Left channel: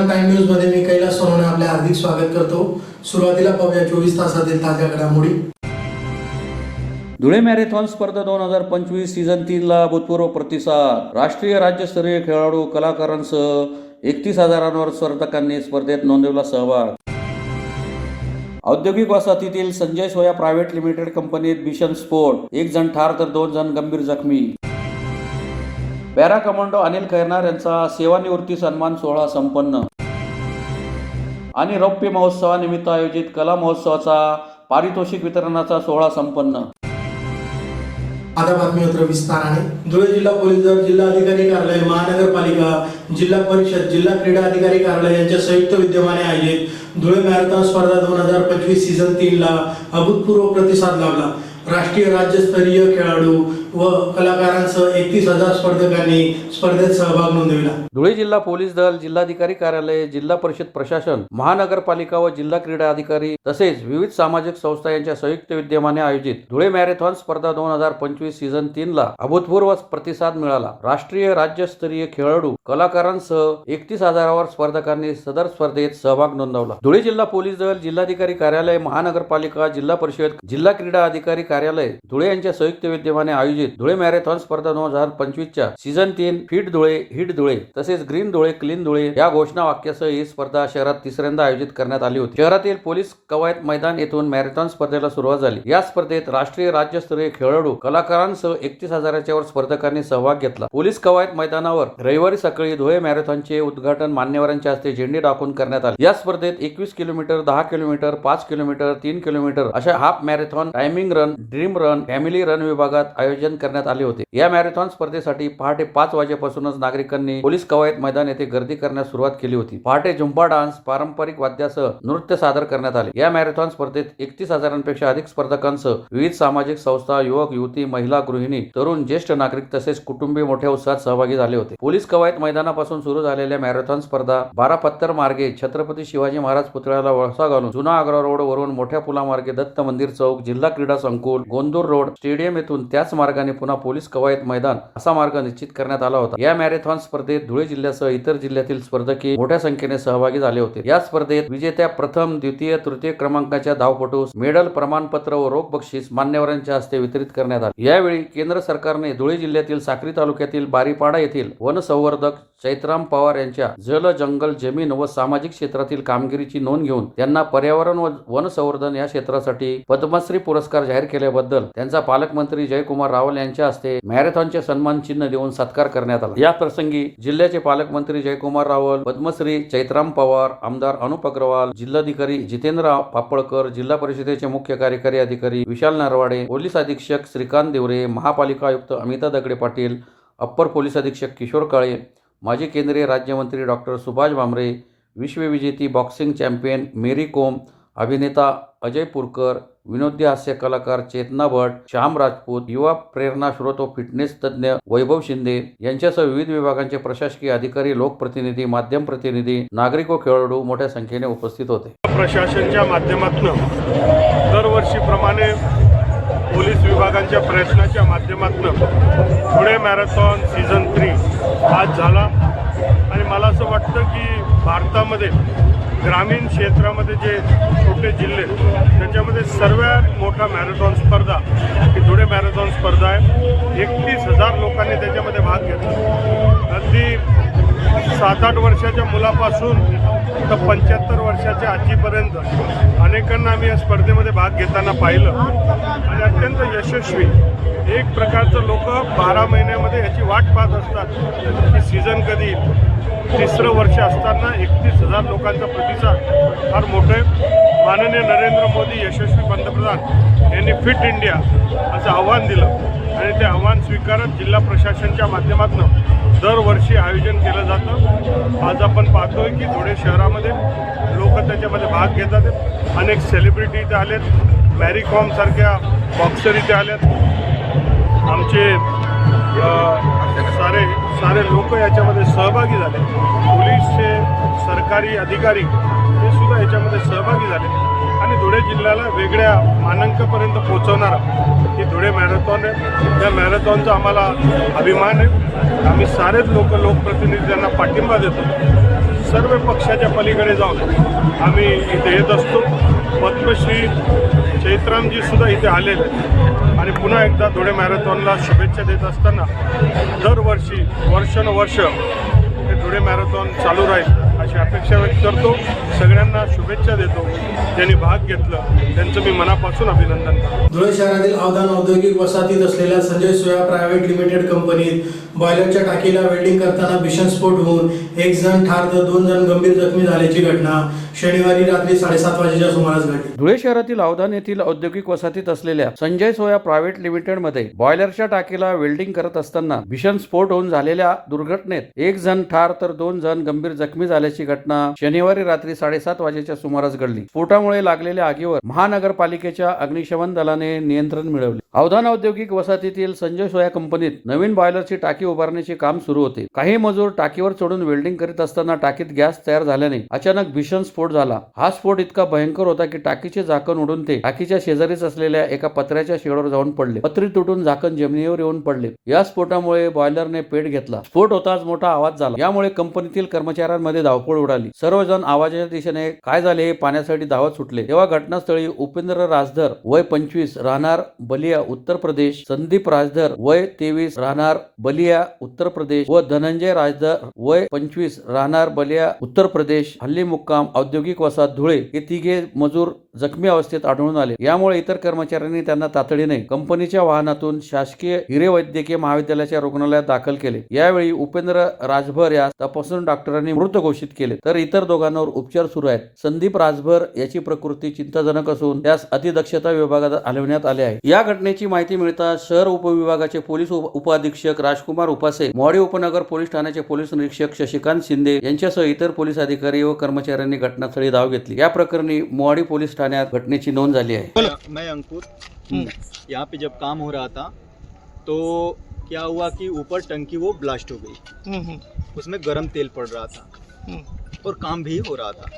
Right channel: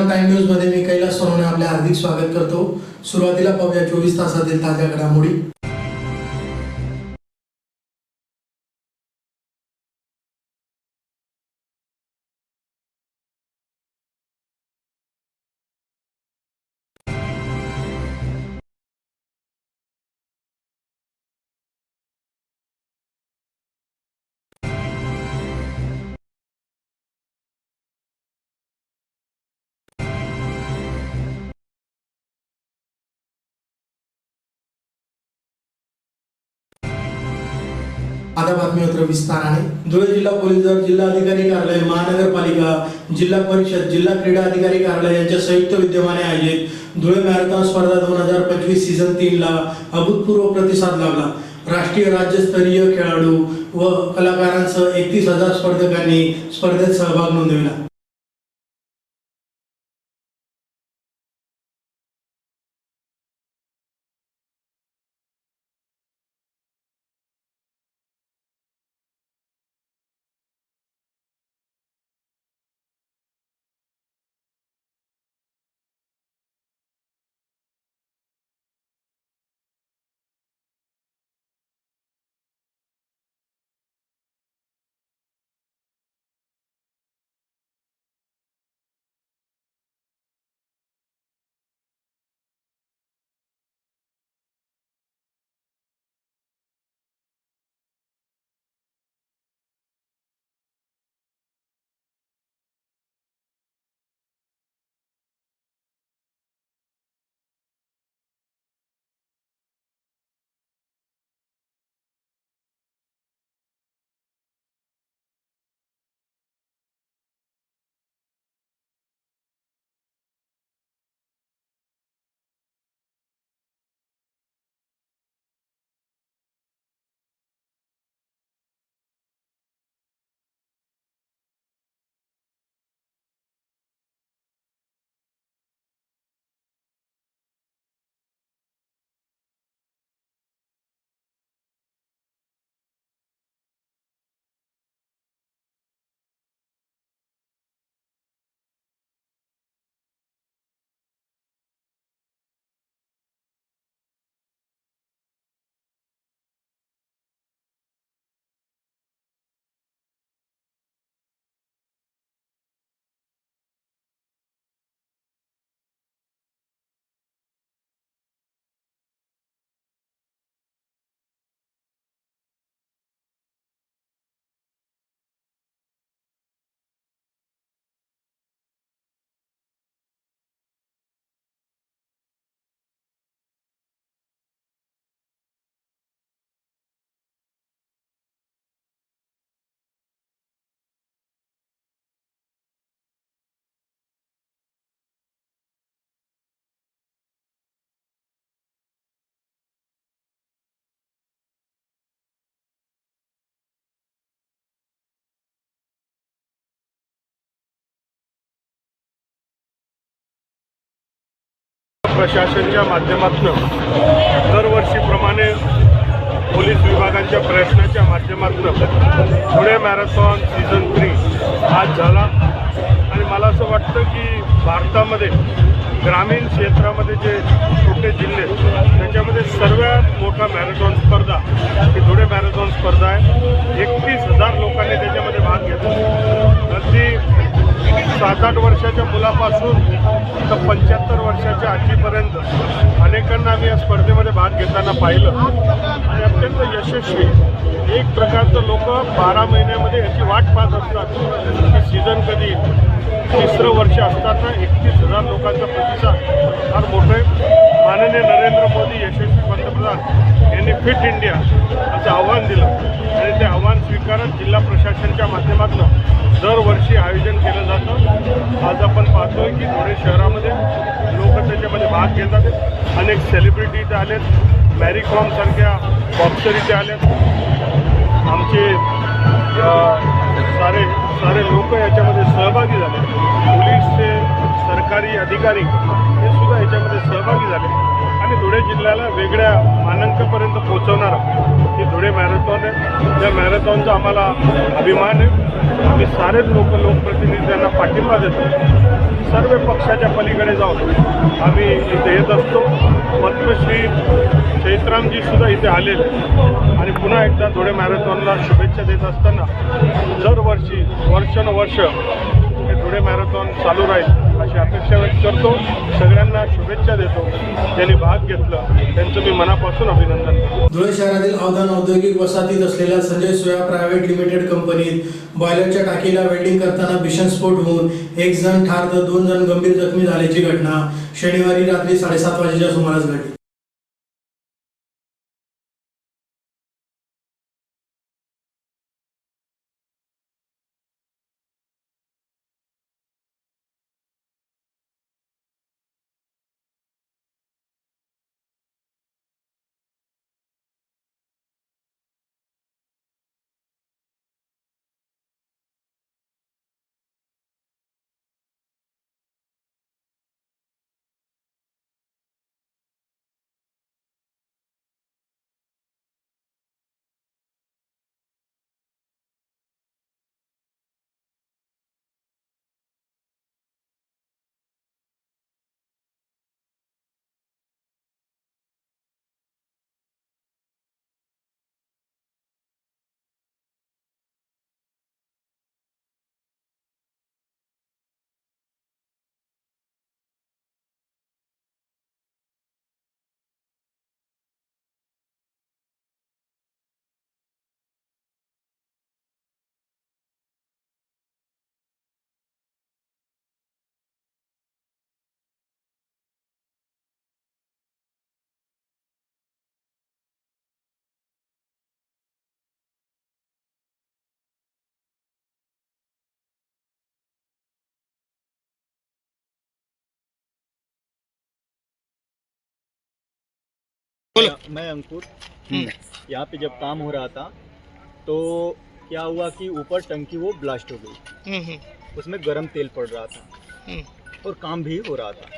परिणाम time news मध्ये मी कैलास सोनवणे आपले हार्दिक स्वागत करतो। सुरुवातीला पाहूया 24 तासातील ताज्या घडामोडी। धुळे मॅरेथॉन स्पर्धा 2025 सीझन 3 ला भूतपूर्व प्रतिसाद। राष्ट्रीय राज्यस्तरीय खेळाडू कलाकारांसह 31,000 स्पर्धकांनी स्पर्धेत नोंदवला सहभाग। औद्योगिक वसाहतीतील संजय सोया प्रायव्हेट लिमिटेड कंपनीत भीषण स्फोट, 1 जण ठार तर 2 जण गंभीर जखमी। पॅरा कमांडो अनिल खैरनार यांचा सेवानिवृत्ती सन्मान सोहळा संपन्न। आणि रौप्य महोत्सवानिमित्त आयोजित कला महोत्सवाचा पारितोषिक वितरणाचा सोहळा संपन्न। आता बातमीपत्र विस्ताराने। धुळे जिल्हा पोलीस दल, जिल्हा अधिकारी कार्यालय, महानगरपालिका, जिल्हा परिषद, जिल्हा क्रीडा अधिकारी कार्यालय यांच्या संयुक्त विद्यमाने आयोजित धुळे मॅरेथॉन स्पर्धा 2025 सीझन 3 ला अभूतपूर्व प्रतिसाद लाभला। राष्ट्रीय राज्यस्तरीय खेळाडू व कलाकारांसह 31,000 स्पर्धकांनी स्पर्धेत सहभाग नोंदविला। धुळे जिल्हा पोलीस दल, जिल्हाधिकारी कार्यालय, जिल्हा परिषद प्रशासन, महानगरपालिका व जिल्हा क्रीडा अधिकारी तसेच विविध सामाजिक संस्था यांच्या संयुक्त विद्यमाने आयोजित धुळे मॅरेथॉन स्पर्धा 2025 सीझन 3 ला अभूतपूर्व प्रतिसाद मिळाला। राष्ट्रीय राज्यस्तरीय खेळाडू कलाकारांसह 31,000 स्पर्धकांनी सदर स्पर्धेत सहभाग नोंदवला। धुळे जिल्हा पोलीस दल, जिल्हाधिकारी कार्यालय, महानगरपालिका, जिल्हा परिषद, जिल्हा क्रीडा अधिकारी कार्यालय धुळे यांच्या संयुक्त विद्यमाने आयोजित धुळे मॅरेथॉन स्पर्धा 2025 च्या season 3 fit Dhule, hit Dhule तसेच ग्रीन धुळे, क्लीन धुळे या घोषणा वाक्यासह ही स्पर्धा शहरात तिसऱ्यांदा आयोजित करण्यात आली होती। शहरातील पोलीस कवायत मैदान येथून मॅरेथॉन स्पर्धेला सुरुवात झाली। या स्पर्धेत राष्ट्रीय राज्यस्तरीय खेळाडू कलाकारांसह 31,000 वर स्पर्धकांनी सहभाग घेतला। पोलीस कवायत मैदानावर रविवारी सकाळी धुळे मॅरेथॉनचे उद्घाटन मान्यवरांच्या हस्ते झेंडे दाखवून करण्यात आले। या स्पर्धेत 21 किलोमीटर, 10 किलोमीटर, 5 किलोमीटर, 3 किलोमीटर अशा half marathon, timing run, dream run, family run विभागात आयोजन करण्यात आले होते। या मॅरेथॉन स्पर्धेसाठी पहाटे 5 वाजेपासूनच नागरिकांनी पोलीस कवायत मैदान येथे गर्दी करण्यास सुरुवात केली होती। पहाटे झुंबा डान्स, पारंपरिक वाद्यासह नृत्य सादर करण्यात आले। या मॅरेथॉन स्पर्धेत 31,000पेक्षा अधिक स्पर्धकांसह विविध सामाजिक संस्था, युवक, युवती, महिला, गृहिणी, तरुण, ज्येष्ठ नागरिक तसेच कुटुंबीय मोठ्या उत्साहात सहभागी झाले होते। पोलीस कवायत मैदानापासून सुरू झालेल्या मॅरेथॉन स्पर्धा 12 पत्तर मार्गे छत्रपती शिवाजी महाराज पुतळ्याला वळसा घालून जुना आग्रा रोड वरून मोठ्या पुलामार्गे दत्त मंदिर चौक, जिल्हा क्रीडा संकुल, गोंदूर रोड, स्टेडियम येथून त्याच मार्गाने पुन्हा पोलीस कवायत मैदान असा मार्ग निश्चित करण्यात आला होता। या मॅरेथॉन स्पर्धेत धुळे जिल्ह्यासह इतर जिल्ह्यातील स्पर्धकी मोठ्या संख्येने सहभागी झाले होते। या स्पर्धेत विजेत्या प्रथम, द्वितीय, तृतीय क्रमांकाच्या धावपटूस मेडल, प्रमाणपत्र व रोख बक्षीस मान्यवरांच्या हस्ते वितरित करण्यात आले। यावेळी केंद्र सरकारने धुळे जिल्ह्यातील साक्री तालुक्यातील बारीपाडा येथील वनसंवर्धक चैत्राम पवार यांच्या जल, जंगल, जमीन व सामाजिक क्षेत्रातील कामगिरीची नोंद घेऊन त्यांना पर्यावरण व वन संवर्धन या क्षेत्रासाठी पद्मश्री पुरस्कार जाहीर केल्याबद्दल त्यांचा पालकमंत्री जयकुमार रावल यांच्या हस्ते मॅरेथॉनचे सन्मान चिन्ह देऊन सत्कार करण्यात आला। या प्रसंगी जिल्ह्याचे पालकमंत्री जयकुमार रावल, पद्मश्री चैत्राम पवार, आमदार अनुप अग्रवाल, जिल्हाधिकारी जितेंद्र पापळकर, जिल्हा परिषदेचे मुख्य कार्यकारी अधिकारी विशाल नरवाडे, पोलीस अधीक्षक श्रीकांत देवरे, महापालिका आयुक्त अमिता दगडे पाटील, अप्पर पोलीस अधीक्षक किशोर काळे, माजी केंद्रीय राज्यमंत्री डॉक्टर सुभाष भामरे, विश्वविजेती बॉक्सिंग चॅम्पियन मेरी कोम, अभिनेता अजय पुरकर, विनोदी हास्य कलाकार चेतना भट, श्याम राजपूत, युवा प्रेरणा स्रोत व फिटनेस तज्ञ वैभव शिंदे यांच्यासह विविध विभागांचे प्रशासकीय अधिकारी, लोकप्रतिनिधी, माध्यम प्रतिनिधी, नागरिक व खेळाडू मोठ्या संख्येने उपस्थित होते। प्रशासनाच्या माध्यमातून दरवर्षीप्रमाणे पोलीस विभागांच्या प्रयत्नाच्या माध्यमातून धुळे मॅरेथॉन सीझन 3 आज झाला आणि मला असं वाटतं की भारतामध्ये ग्रामीण क्षेत्रामध्ये जे छोटे जिल्हे त्याच्यामध्ये सर्वात मोठा मॅरेथॉन स्पर्धा ही धुळे मॅरेथॉन स्पर्धा आहे। 31,000 लोकांनी त्याच्यामध्ये भाग घेतला। अगदी 7-8 वर्षाच्या मुलापासून तर 75 वर्षाच्या आजीपर्यंत अनेकांना आम्ही या स्पर्धेमध्ये भाग घेताना पाहिलं आणि अत्यंत यशस्वी एक प्रकारचं लोक 12 महिन्यामध्ये याची वाट पाहत असतात सीझन कधी। तिसरं वर्ष असताना 31,000 लोकांचा प्रतिसाद फार मोठा आहे। माननीय नरेंद्र मोदी यशस्वी पंतप्रधान यांनी फिट इंडिया असं आव्हान दिलं आणि ते आव्हान स्वीकारत जिल्हा प्रशासनाच्या माध्यमातून दरवर्षी आयोजन केलं जातं। आज आपण पाहतोय की धुळे शहरामध्ये लोक त्याच्यामध्ये भाग घेतात। अनेक सेलिब्रिटी इथे आलेत, मॅरी कॉम सारख्या बॉक्सर इथे आलेत, आमचे सारे लोक याच्यामध्ये सहभागी झाले। पोलीसचे सरकारी अधिकारी हे सुद्धा याच्यामध्ये सहभागी झाले आणि धुळे जिल्ह्याला वेगळ्या मानांकापर्यंत पोहोचवणारा ही धुळे मॅरेथॉन आहे. त्या मॅरेथॉनचा आम्हाला अभिमान आहे. आम्ही सारेच लोकप्रतिनिधींना पाठिंबा देतो. सर्व पक्षाच्या पलीकडे जाऊन आम्ही इथे येत असतो. पद्मश्री चैत्रामजी सुद्धा इथे आलेले आणि पुन्हा एकदा धुळे मॅरेथॉनला शुभेच्छा देत असताना दरवर्षी वर्षानुवर्ष हे धुळे मॅरेथॉन चालू राहील अशी अपेक्षा व्यक्त करतो. सगळ्यांना शुभेच्छा देतो. ज्यांनी भाग घेतलं त्यांचं मी मनापासून अभिनंदन करतो. धुळे शहरातील अवधान औद्योगिक वसाहतीत असलेल्या संजय सोया प्रायव्हेट लिमिटेड कंपनीत बॉयलरच्या टाकीला वेल्डिंग करताना भीषण स्फोट होऊन एक जण ठार तर 2 जण गंभीर जखमी झाल्याची घटना शनिवारी रात्री 7:30 वाजेच्या सुमारास घडली. धुळे शहरातील अवधान येथील औद्योगिक वसाहतीत असलेल्या संजय सोया प्रायव्हेट लिमिटेड मध्ये बॉयलरच्या टाकीला वेल्डिंग करत असताना भीषण स्फोट होऊन झालेल्या दुर्घटनेत एक जण ठार तर 2 जण गंभीर जखमी झाल्याची घटना शनिवारी रात्री 7:30 वाजेच्या सुमारास घडली. स्फोटामुळे लागलेल्या आगीवर महानगरपालिकेच्या अग्निशमन दलाने नियंत्रण मिळवले. अवधान औद्योगिक वसाहतीतील संजय सोया कंपनीत नवीन बॉयलरची टाकी उभारण्याचे काम सुरू होते. काही मजूर टाकीवर चढून वेल्डिंग करीत असताना टाकीत गॅस तयार झाल्याने अचानक भीषण स्फोट झाला. हा स्फोट इतका भयंकर होता की टाकीचे झाकण उडून ते टाकीच्या शेजारीच असलेल्या एका पत्र्याच्या शेडवर जाऊन पडले. पत्री तुटून झाकण जमिनीवर येऊन पडले. या स्फोटामुळे बॉयलरने पेट घेतला. स्फोट होताच मोठा आवाज झाला. यामुळे कंपनीतील कर्मचाऱ्यांमध्ये धावपळ उडाली. सर्वजण आवाजाच्या दिशेने काय झाले हे पाहण्यासाठी धावत सुटले. तेव्हा घटनास्थळी उपेंद्र राजधर वय 25 राहणार बलिया उत्तर प्रदेश, संदीप राजधर वय 23 राहणार बलिया उत्तर प्रदेश व धनंजय राजधर वय 25 राहणार बलिया उत्तर प्रदेश हल्ली मुक्काम औद्योगिक वसाहत धुळे हे तिघे मजूर जखमी अवस्थेत आढळून आले. यामुळे इतर कर्मचाऱ्यांनी त्यांना तातडीने कंपनीच्या वाहनातून शासकीय हिरे वैद्यकीय महाविद्यालयाच्या रुग्णालयात दाखल केले. यावेळी उपेंद्र राजभर यास तपासून डॉक्टरांनी मृत घोषित केले तर इतर दोघांवर उपचार सुरू आहेत. संदीप राजभर याची प्रकृती चिंताजनक असून त्यास अतिदक्षता विभागात हलविण्यात आले आहे. या घटनेची माहिती मिळताच शहर उपविभागाचे पोलीस उपअधीक्षक राजकुमार उपासे, मोहाडी उपनगर पोलीस ठाण्याचे पोलीस निरीक्षक शशिकांत शिंदे यांच्यासह इतर पोलीस अधिकारी व कर्मचाऱ्यांनी घटनास्थळी धाव घेतली. या प्रकरणी मोहाडी पोलीस ठाण्यात घटनेची नोंद झाली आहे. मैं अंकुर यहाँ पे जब काम हो रहा था तो क्या हुआ कि ऊपर टंकी वो ब्लास्ट हो गई. उसमें गर्म तेल पड़ रहा था और काम भी हो रहा था.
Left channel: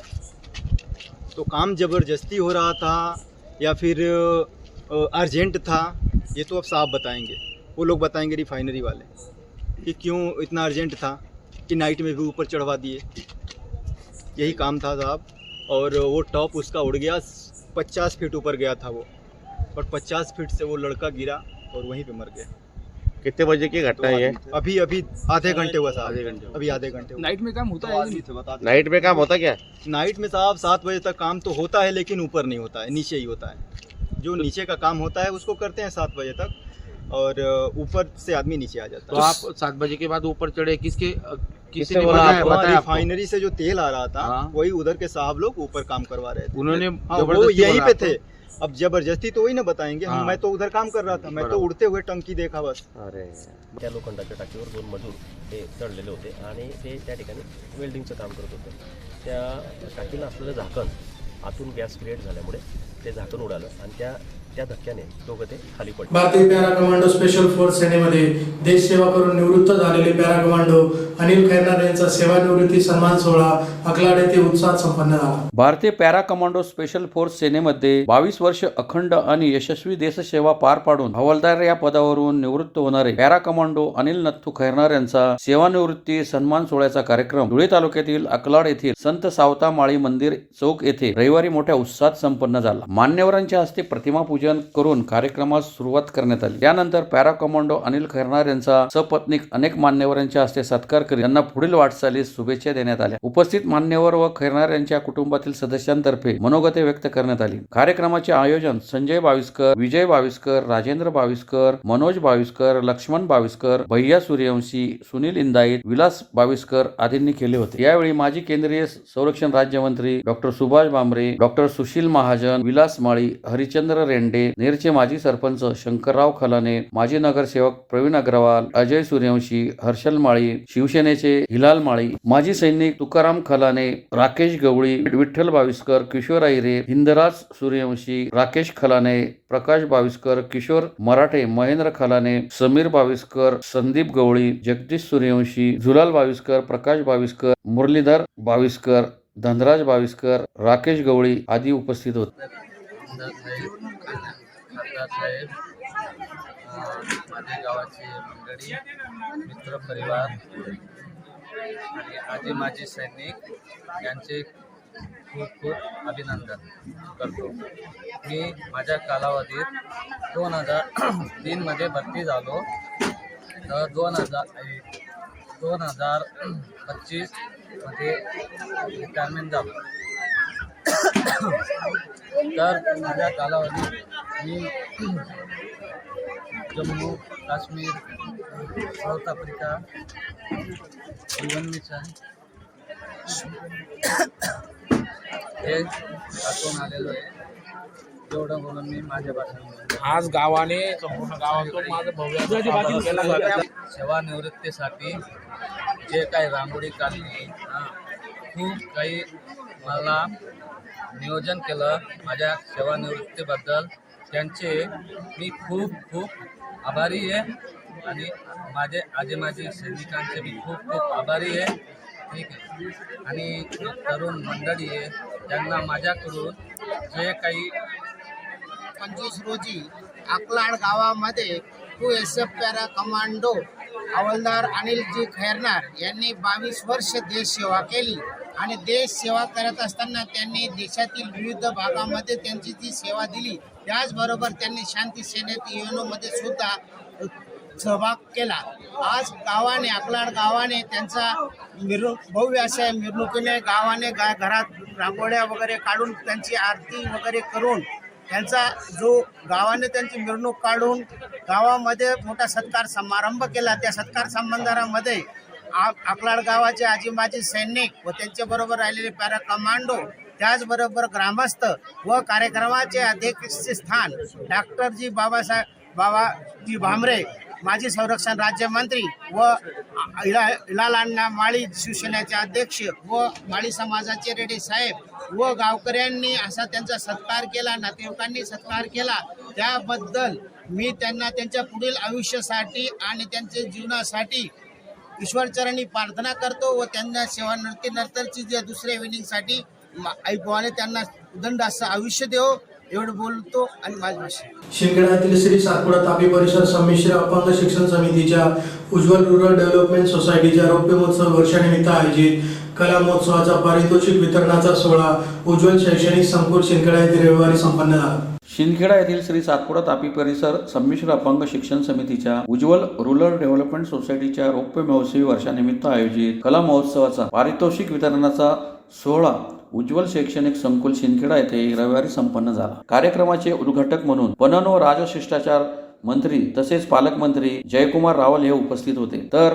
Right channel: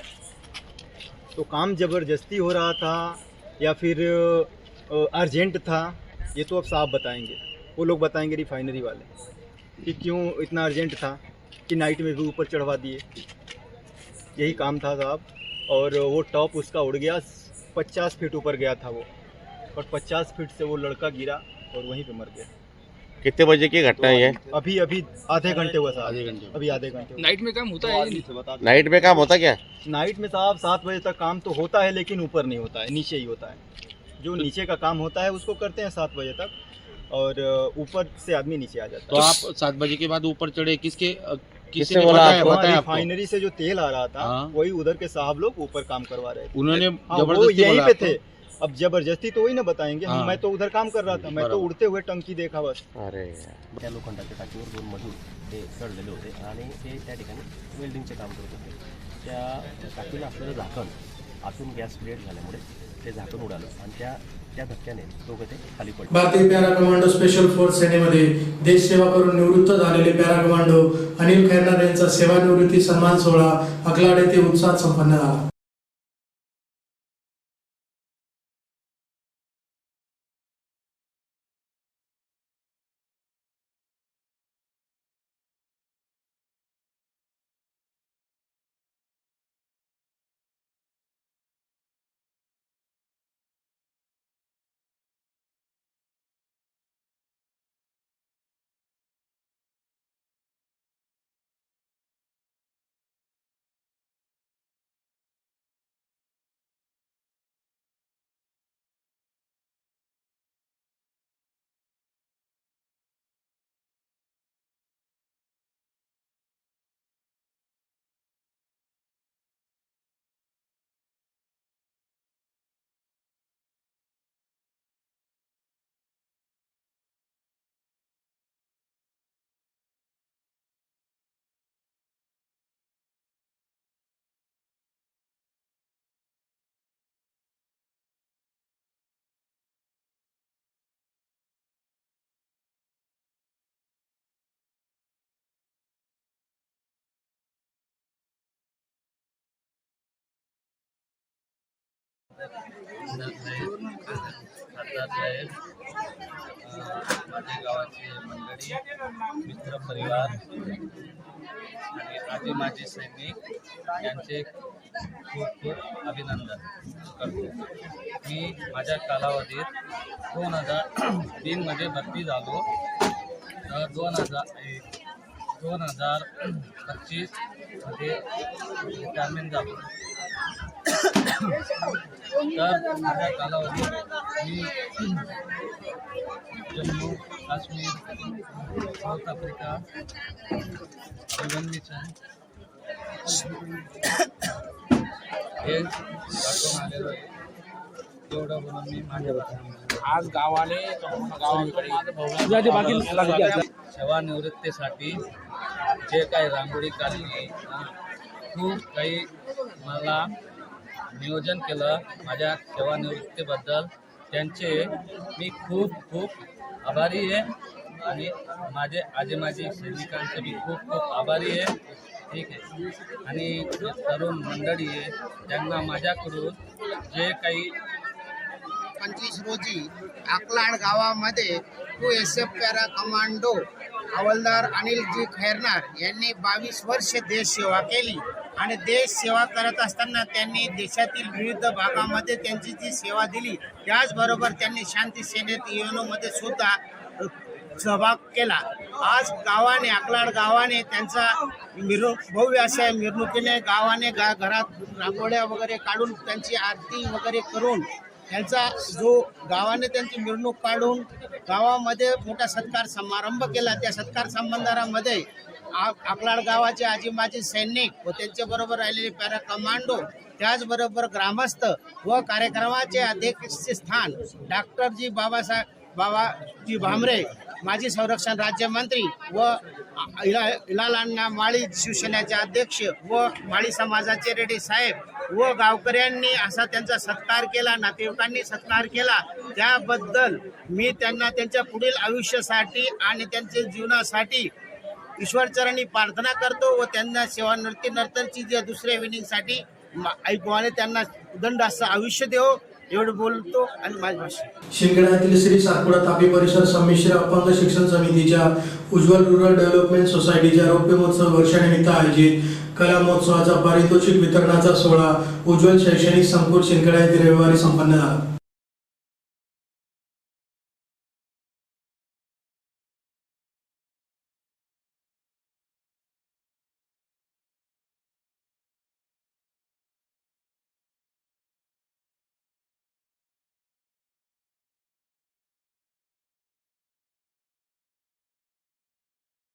तो काम ज़बरदस्ती हो रहा था या फिर अर्जेंट था ये तो अब साहब बताएंगे. वो लोग बताएंगे रिफाइनरी वाले कि क्यों इतना अर्जेंट था कि नाइट में भी ऊपर चढ़वा दिए. यही काम था साहब. और वो टॉप उसका उड़ गया. 50 फीट ऊपर गया था वो और 50 फीट से वो लड़का गिरा और वहीं पे मर गया. कितने बजे की घटना है ये? अभी आधे घंटे हुआ साहब. अभी आधे घंटे हुआ. नाइट में काम होता है? नाइट में काम होता क्या? नाइट में साहब 7 बजे तक काम तो होता है लेकिन ऊपर नहीं होता है, नीचे ही होता है. जो नीचे का काम होता है उसको करते हैं 7 बजे तक और ऊपर से आदमी नीचे आ जाता तो है. आप 7 बजे के बाद ऊपर चढ़े किसने वहाँ बोला आपको? रिफाइनरी से जो तेल आ रहा था हाँ। वही उधर के साहब लोग ऊपर काम करवा रहे थे. उन्होंने हाँ वो जबरदस्ती यहीं बोला पे आपको? थे. अब जबरदस्ती तो वही ना बताएंगे. हाँ। मैं तो उधर काम कर रहा था. मैं तो उड़ते हुए टंकी देखा बस. अरे त्या लोखंडाच्या टाकीवर 2 मजूर ते चढलेले होते आणि ते त्या ठिकाणी वेल्डिंगचे काम करत होते. त्या टाकीला असलेलं झाकण आतून गॅस क्रिएट झाल्यामुळे ते झाकण उडालं आणि त्या धक्क्याने दोघं ते खाली पडले. भारतीय पॅरा कमांडो स्पेशल फोर्स सेनेमध्ये देश सेवा करून निवृत्त झालेले पॅरा कमांडो अनिल खैरनार यांचा सेवानिवृत्ती सन्मान सोहळा अकलाड येथे उत्साहात संपन्न झाला. भारतीय पॅरा कमांडो स्पेशल फोर्स सेनेमध्ये 22 वर्ष अखंड आणि यशस्वी देशसेवा पार पाडून हवालदार या पदावरून निवृत्त होणारे पॅरा कमांडो अनिल नथू खैरनार यांचा सेवानिवृत्ती सन्मान सोहळ्याचा कार्यक्रम धुळे तालुक्यातील अकलाड येथील संत सावता माळी मंदिर चौक येथे रविवारी मोठ्या उत्साहात संपन्न झाला. मान्यवरांच्या हस्ते प्रतिमा पूजन करून कार्यक्रमास सुरुवात करण्यात आली. त्यानंतर पॅरा कमांडो अनिल खैरनार यांचा सपत्नीक अनेक मान्यवरांच्या हस्ते सत्कार करीत त्यांना पुढील वाटचालीस शुभेच्छा देण्यात आल्या. उपस्थित मान्यवर व खैरनार यांच्या कुटुंबातील सदस्यांतर्फे मनोगते व्यक्त करण्यात आली. कार्यक्रमाचे आयोजन संजय बाविस्कर, विजय बाविस्कर, राजेंद्र बाविस्कर, मनोज बाविस्कर, लक्ष्मण बाविस्कर, भैया सूर्यवंशी, सुनील इंदाईत, विलास बाविस्कर आदींनी केले होते. यावेळी माजी केंद्रीय संरक्षण राज्यमंत्री डॉक्टर सुभाष भामरे, डॉक्टर सुशील महाजन, विलास विलास माळी, हरिचंद्र रेंडे, नेरचे माजी सरपंच शंकरराव खलाने, माजी नगरसेवक प्रवीण अग्रवाल, अजय सूर्यवंशी, हर्षल माळी, शिवसेनेचे हिलाल माळी, माजी सैनिक तुकाराम खलाने, राकेश गवळी, विठ्ठल बाविस्कर, किशोर आहिरे, हिंदराज सूर्यवंशी, राकेश खलाने, प्रकाश बाविस्कर, किशोर मराठे, महेंद्र खलाने, समीर बाविस्कर, संदीप गवळी, जगदीश सूर्यवंशी, झुलाल बाविस्कर, प्रकाश बाविस्कर, मुरलीधर बाविस्कर, धनराज बाविस्कर, राकेश गवळी आदी उपस्थित होते. खासदार साहेब, माझ्या गावाची मंडळी, मित्र परिवार आणि आजी माजी सैनिक यांचे खूप खूप अभिनंदन करतो. मी माझ्या कालावधीत 2003 भरती झालो, तर 2025 मध्ये रिटायरमेंट झालो. तर माझ्या कालावधीत मी जम्मू काश्मीर, साऊथ आफ्रिका, जीवन मिशन हे दाखवून आलेलो आहे. तेवढं बोलून मी माझ्या आज गावाने सेवानिवृत्तीसाठी जे काही रांगोळी काढली, खूप काही मला नियोजन केलं. माझ्या सेवानिवृत्तीबद्दल त्यांचे मी खूप खूप आभारी आहे आणि माझे आजी माजी सैनिकांचे मी खूप खूप आभारी आहे. ठीक आहे. आणि तरुण मंडळी आहे, त्यांना माझ्याकडून जे काही 25 रोजी अकलाड गावामध्ये QSF पॅरा कमांडो हवालदार अनिलजी खैरनार यांनी 22 वर्ष देश सेवा केली आणि देश सेवा करत असताना त्यांनी देशातील विविध भागामध्ये त्यांची जी सेवा दिली, त्याचबरोबर त्यांनी शांती सेनेत युएनओमध्ये सुद्धा सहभाग केला. आज गावाने अकलाड गावाने त्यांचा भव्य अशा मिरवणुकीने गावाने घरात रांगोळ्या वगैरे काढून त्यांची आरती वगैरे करून त्यांचा जो गावाने त्यांची मिरवणूक काढून गावामध्ये मोठा सत्कार समारंभ केला. त्या सत्कार समारंभामध्ये अकलाड गावाचे आजी माजी सैनिक व त्यांच्याबरोबर राहिलेले पॅरा कमांडो, त्याचबरोबर ग्रामस्थ व कार्यक्रमाचे अध्यक्षस्थान डॉक्टरजी बाबाजी भामरे, माजी संरक्षण राज्यमंत्री व हिलाल अण्णा माळी शिवसेनेचे अध्यक्ष व माळी समाजाचे रेड्डी साहेब व गावकऱ्यांनी असा त्यांचा सत्कार केला, नातेवाईकांनी सत्कार केला. त्याबद्दल मी त्यांना त्यांच्या पुढील आयुष्यासाठी आणि त्यांच्या जीवनासाठी ईश्वरचरणी प्रार्थना करतो व त्यांना सेवानिवृत्तीनंतरची जे दुसऱ्या विनिंगसाठी ऐकवाने त्यांना उदंड असं आयुष्य देव, एवढं बोलतो आणि माझी भाषा. शिंदखेडा श्री सातपुडा तापी परिसर संमिश्र अपंग शिक्षण समितीच्या उज्ज्वल रुरल डेव्हलपमेंट सोसायटीच्या रौप्य महोत्सव वर्षानिमित्त आयोजित कला महोत्सवाचा पारितोषिक वितरणाचा सोहळा उज्ज्वल शैक्षणिक संकुल शिंदखेडा येथे रविवारी संपन्न झाला. शिंदखेडा येथील श्री सातपुडा तापी परिसर संमिश्र अपंग शिक्षण समितीच्या उज्ज्वल रुरल डेव्हलपमेंट सोसायटीच्या रौप्य महोत्सवी वर्षानिमित्त आयोजित कला महोत्सवाचा पारितोषिक वितरणाचा सोहळा उज्ज्वल शैक्षणिक संकुल शिंदखेडा येथे रविवारी संपन्न झाला. कार्यक्रमाचे उद्घाटक म्हणून पणन व राजशिष्टाचार मंत्री तसेच पालकमंत्री जयकुमार रावल हे उपस्थित होते. तर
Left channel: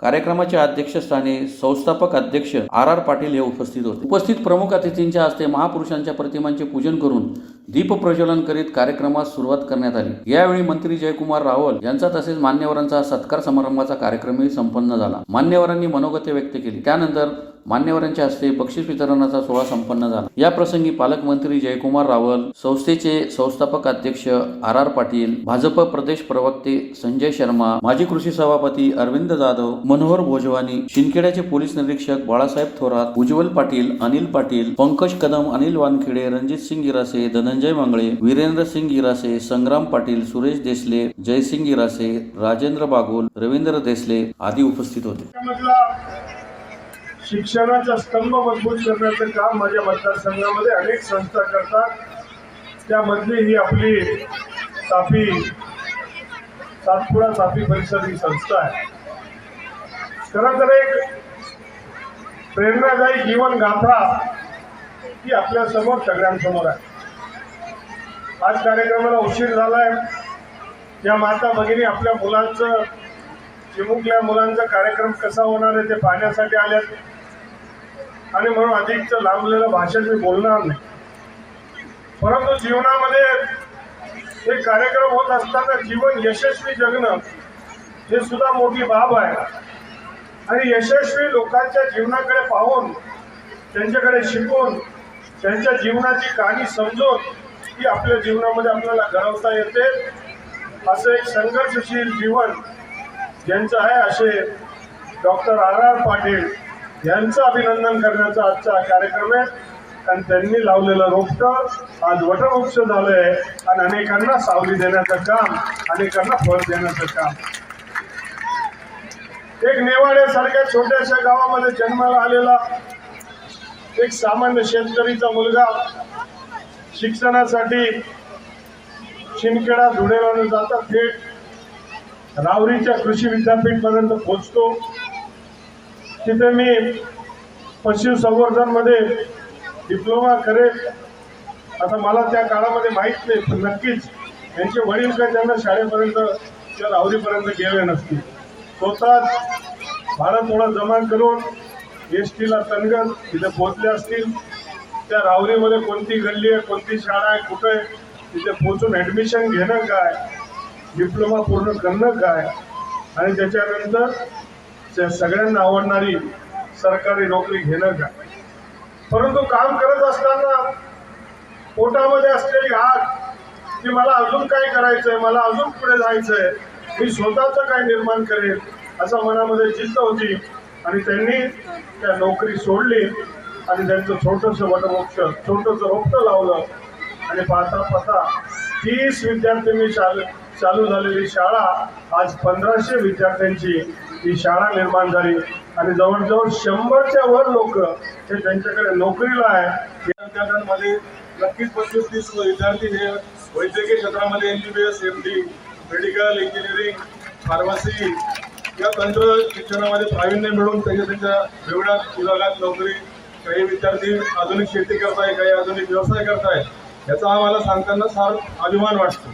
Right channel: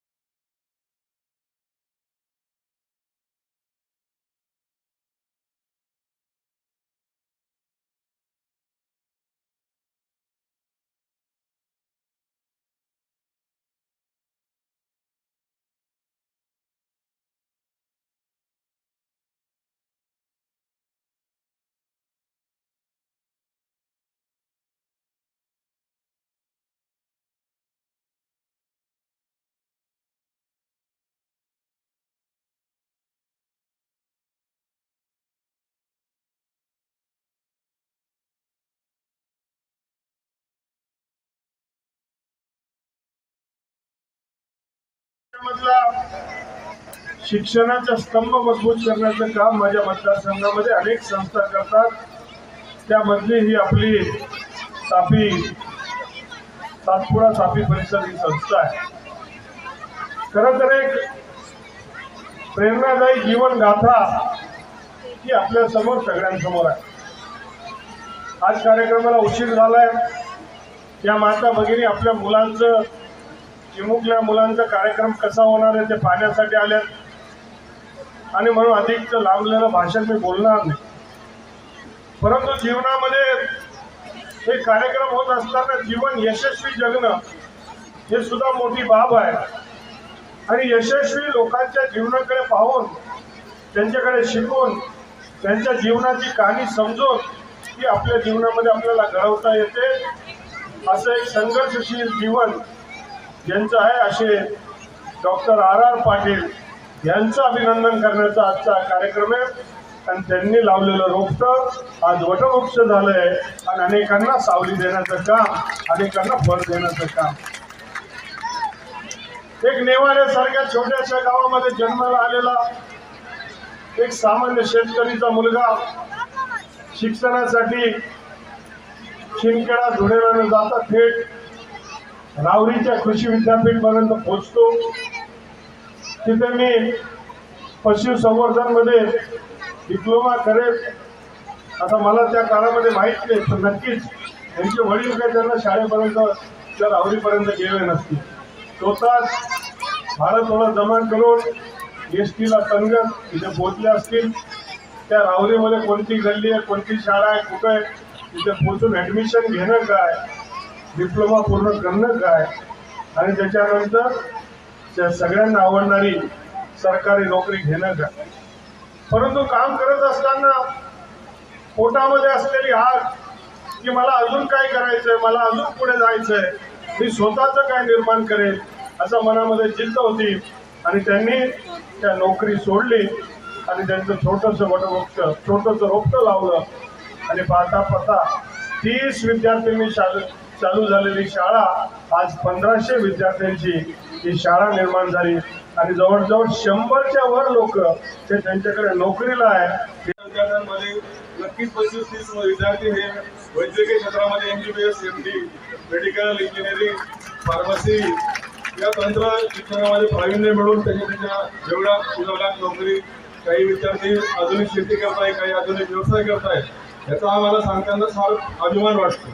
कार्यक्रमाच्या अध्यक्षस्थानी संस्थापक अध्यक्ष RR पाटील हे उपस्थित होते. उपस्थित प्रमुख अतिथींच्या हस्ते महापुरुषांच्या प्रतिमांचे पूजन करून दीप प्रज्वलन करीत कार्यक्रमास सुरुवात करण्यात आली. यावेळी मंत्री जयकुमार रावल यांचा तसेच मान्यवरांचा सत्कार समारंभाचा कार्यक्रमही संपन्न झाला. मान्यवरांनी मनोगते व्यक्त केली. त्यानंतर मान्यवरांच्या हस्ते बक्षीस वितरणाचा सोहळा संपन्न झाला. या प्रसंगी पालकमंत्री जयकुमार रावल, संस्थेचे संस्थापक अध्यक्ष RR पाटील, भाजप प्रदेश प्रवक्ते संजय शर्मा, माजी कृषी सभापती अरविंद जाधव, मनोहर भोजवानी, शिंदखेड्याचे पोलीस निरीक्षक बाळासाहेब थोरात, उज्ज्वल पाटील, अनिल पाटील, पंकज कदम, अनिल वानखेडे, रणजित सिंग गिरासे, धनंजय मंगळे, वीरेंद्र सिंग गिरासे, संग्राम पाटील, सुरेश देसले, जयसिंग गिरासे, राजेंद्र बागुल, रवींद्र देसले आदी उपस्थित होते. शिक्षणाचा स्तंभ मजबूत करण्याचं काम माझ्या मतदारसंघामध्ये अनेक संस्था करतात. त्यामधली ही आपली सातपुडा तापी परिसर ही संस्था आहे. खरं तर एक प्रेरणादायी जीवन गाथा ही आपल्या समोर सगळ्यांसमोर आहे. आज कार्यक्रमाला उशीर झालाय. या माता भगिनी आपल्या मुलांचं, चिमुकल्या मुलांचा कार्यक्रम कसा होणार आहे ते पाहण्यासाठी आल्यात आणि म्हणून अधिकचं लांबलेलं भाषण मी बोलणार नाही. परंतु जीवनामध्ये हे कार्यक्रम होत असताना जीवन यशस्वी जगणं हे सुद्धा मोठी बाब आहे. आणि यशस्वी लोकांच्या जीवनाकडे पाहून, त्यांच्याकडे शिकून, त्यांच्या जीवनाची कहाणी समजून ती आपल्या जीवनामध्ये आपल्याला घडवता येते. असं एक संघर्षशील जीवन ज्यांचं आहे असे डॉक्टर R.R. पाटील यांचं अभिनंदन करण्याचा आजचा कार्यक्रम आहे. आणि त्यांनी लावलेलं रोपटं आज वटवृक्ष झालंय आणि अनेकांना सावली देण्याचं काम, अनेकांना फळ देण्याचं काम. एक नेवाड्यासारख्या छोट्याशा गावामध्ये जन्माला आलेला एक सामान्य शेतकरीचा मुलगा शिक्षणासाठी शिंदखेडा धुळेला न जाता थेट रावरीच्या कृषी विद्यापीठ पर्यंत पोहोचतो. तिथे मी पशुसंवर्धन मध्ये डिप्लोमा करेल आता मला त्या काळामध्ये माहीत नाही, पण नक्कीच त्यांचे वडील काय त्यांना शाळेपर्यंत त्या रावरीपर्यंत गेले नसतील. स्वतःच भाडं थोडं जमा करून एसटीला तनगत तिथे पोहोचले असतील. त्या रावरीमध्ये कोणती गल्ली आहे, कोणती शाळा आहे, कुठं आहे, तिथे पोहोचून ॲडमिशन घेणं काय, डिप्लोमा पूर्ण करणं काय आणि त्याच्यानंतर त्या सगळ्यांना आवडणारी सरकारी नोकरी घेणं काय. परंतु काम करत असताना पोटामध्ये असलेली आग की मला अजून काय करायचंय, मला अजून पुढे जायचंय, मी स्वतःचं काय निर्माण करेल असं मनामध्ये जिद्द होती. आणि त्यांनी त्या नोकरी सोडली आणि त्यांचं छोटंसं वटवृक्ष, छोटंसं रोपटं लावलं. आणि पाहता पाहता 30 विद्यार्थ्यांनी चालू झालेली शाळा आज 1500 विद्यार्थ्यांची ही शाळा निर्माण झाली. आणि जवळजवळ 100च्या वर लोक हे त्यांच्याकडे नोकरीला आहे. विद्यार्थ्यांमध्ये नक्कीच 25-30 विद्यार्थी हे वैद्यकीय क्षेत्रामध्ये MBBS, MD, medical engineering, pharmacy या तंत्र शिक्षणामध्ये प्रावीण्य मिळून त्याच्या वेगळ्या विभागात नोकरी, काही विद्यार्थी आधुनिक शेती करताय, काही आधुनिक व्यवसाय करताय. याचा आम्हाला सांगताना फार अभिमान वाटतो.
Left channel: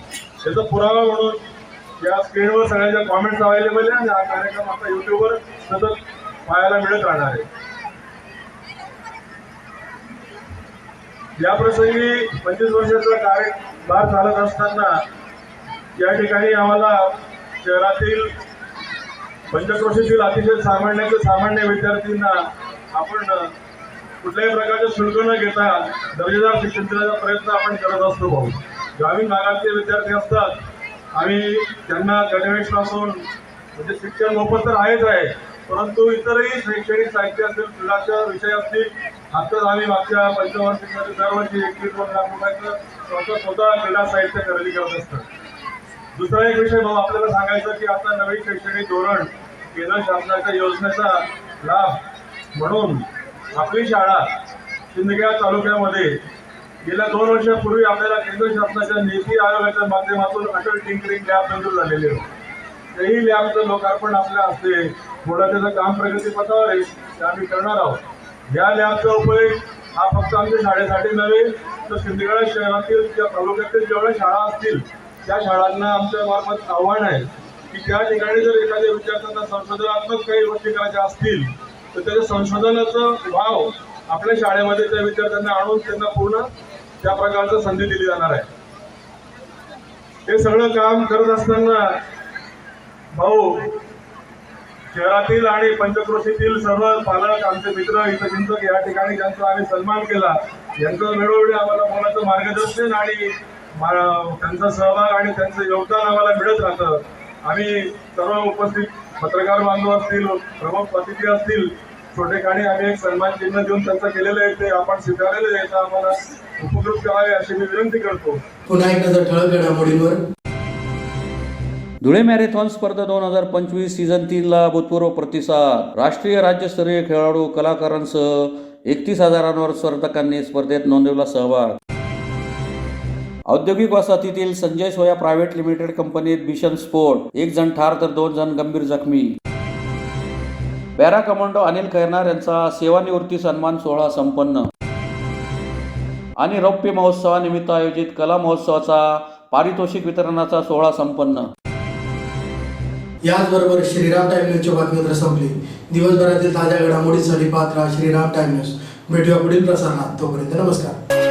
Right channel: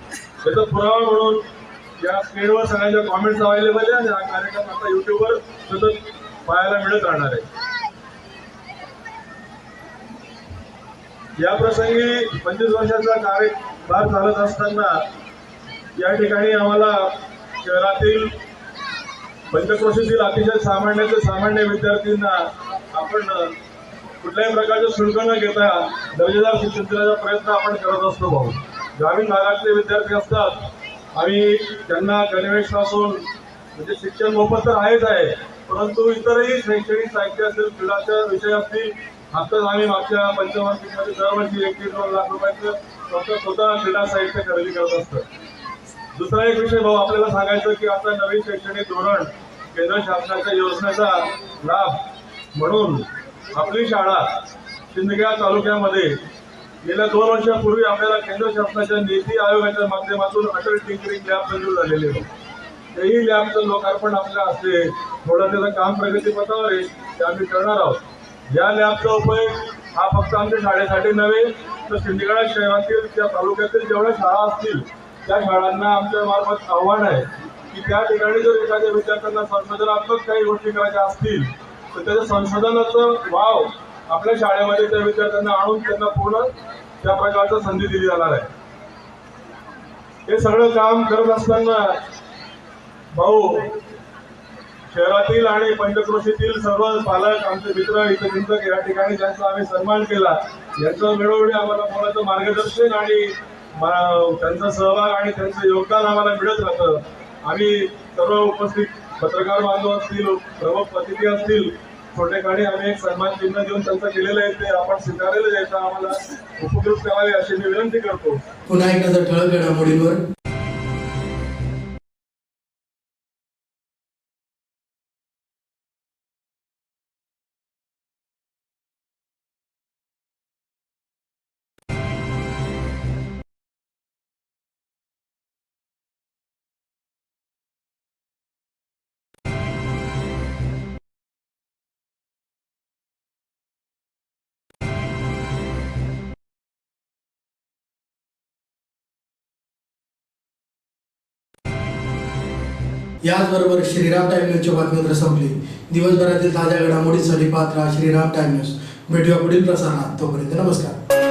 याचा पुरावा म्हणून या स्क्रीनवर सगळ्यांच्या कॉमेंट्स अवेलेबल आहे आणि हा कार्यक्रम आता यूट्यूबवर सतत पाहायला मिळत राहणार आहे. या प्रसंगी 25 वर्षाचा कार्यभार चालत असताना या ठिकाणी आम्हाला शहरातील पंचक्रोशीतील अतिशय सामान्य विद्यार्थ्यांना आपण कुठल्याही प्रकारचं शुल्क न घेता दर्जेदार शिक्षण देण्याचा प्रयत्न आपण करत असतो. भाऊ ग्रामीण भागातले विद्यार्थी असतात, आम्ही त्यांना गणवेशपासून म्हणजे शिक्षण मोफत तर आहेच आहे, परंतु इतरही शैक्षणिक साहित्य असेल, क्रीडाचे विषय असतील. आत्ताच आम्ही मागच्या पंचवार्षिकमध्ये दरवर्षी 1-1.5 लाख रुपयाचं स्वतः क्रीडा साहित्य खरेदी करत असतं. दुसरा एक विषय भाऊ आपल्याला सांगायचं की आता नवीन शैक्षणिक धोरण केंद्र शासनाच्या योजनेचा लाभ म्हणून आपली शाळा शिंदखेडा तालुक्यामध्ये गेल्या 2 वर्षापूर्वी आपल्याला केंद्र शासनाच्या नीती आयोगाच्या माध्यमातून अटल टिंकरिंग लॅब मंजूर झालेले होते. तेही लॅबचं लोकार्पण आपल्या हस्ते थोडं त्याचं काम प्रगतीपथावर आहे ते आम्ही करणार आहोत. या लॅबचा उपयोग हा फक्त आमच्या शाळेसाठी नव्हे तर शिंदखेडा शहरातील त्या तालुक्यातील जेवढ्या शाळा असतील त्या शाळांना आमच्या मार्फत आव्हान आहे की त्या ठिकाणी जर एखाद्या विद्यार्थ्यांना संशोधनात्मक काही गोष्टी करायच्या असतील तर त्याच्या संशोधनाचं वाव आपल्या शाळेमध्ये त्या विद्यार्थ्यांना आणून त्यांना पूर्ण त्या प्रकारचं संधी दिली जाणार आहे. हे सगळं काम करत असताना भाऊ शहरातील आणि पंचक्रोशीतील सर्व पालक, आमचे मित्र, हितचिंतक या ठिकाणी ज्यांचा आम्ही सन्मान केला, यांचं वेळोवेळी आम्हाला बोलायचं मार्गदर्शन आणि त्यांचा सहभाग आणि त्यांचं योगदान आम्हाला मिळत राहतं. आम्ही सर्व उपस्थित पत्रकार बांधव असतील, प्रमुख अतिथी असतील, छोटेखानी आम्ही एक सन्मान चिन्ह देऊन त्यांचं केलेलं आहे ते आपण स्वीकारलेलं द्यायचं आम्हाला उपकृत करावे अशी मी विनंती करतो. पुन्हा एक नजर ठळक घडामोडींवर. धुळे मॅरेथॉन स्पर्धा 2025 सीझन 3 ला भूतपूर्व प्रतिसाद. राष्ट्रीय राज्यस्तरीय खेळाडू, कलाकारांसह 31,000 स्पर्धकांनी स्पर्धेत नोंदवला सहभाग. औद्योगिक वसाहतीतील संजय सोया प्रायव्हेट लिमिटेड कंपनीत भीषण स्फोट, 1 जण ठार तर 2 जण गंभीर जखमी. पॅरा कमांडो अनिल खैरनार यांचा सेवानिवृत्ती सन्मान सोहळा संपन्न. आणि रौप्य महोत्सवानिमित्त आयोजित कला महोत्सवाचा पारितोषिक वितरणाचा सोहळा संपन्न. याचबरोबर श्रीराम टाइम न्यूजची बातमीपत्र संपली. दिवसभरातील ताज्या घडामोडींसाठी पाहत राहा श्रीराम टाइम न्यूज. भेटूया पुढील प्रसारणात. तोपर्यंत नमस्कार.